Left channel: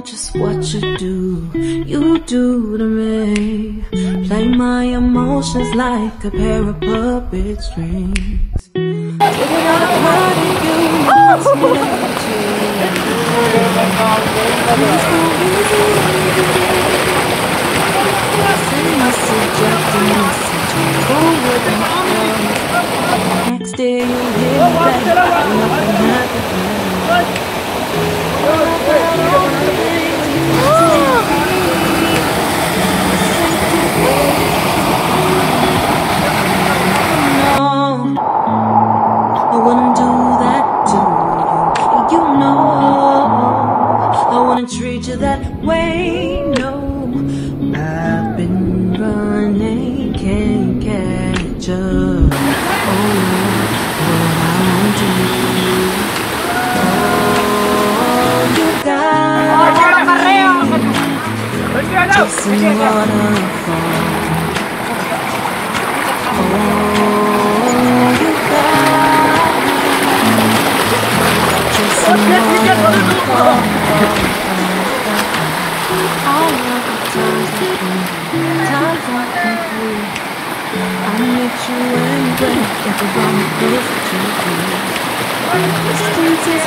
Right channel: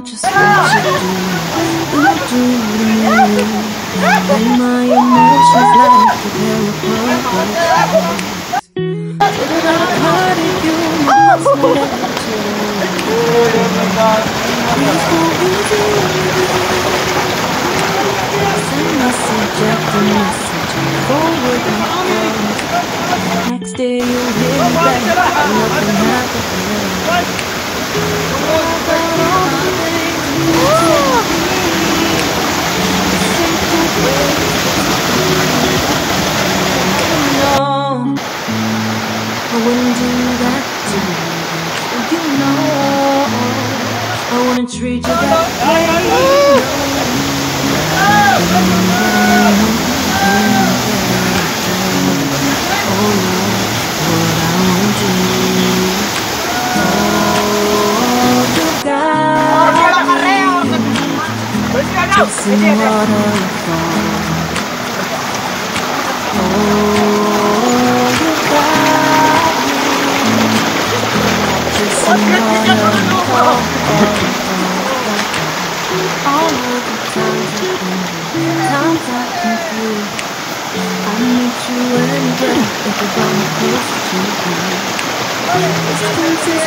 know just what you do to me. Play my emotions like a pair of puppet strings. Figured out a part of you must connect you. It's so easy when you do. Send message after message, forward and down. Next day you'll hear me back, and nothing happened. About all the things you told me, sent away. No, I wouldn't do that to you. You know, I wouldn't treat you that way. No, I've been running in character. Oh Lord, what I won't do. Chasing waterfall. Oh, you got me. Chasing waterfall. All of the times I've been through, I meet you anywhere if you brought me closer to you. Distance is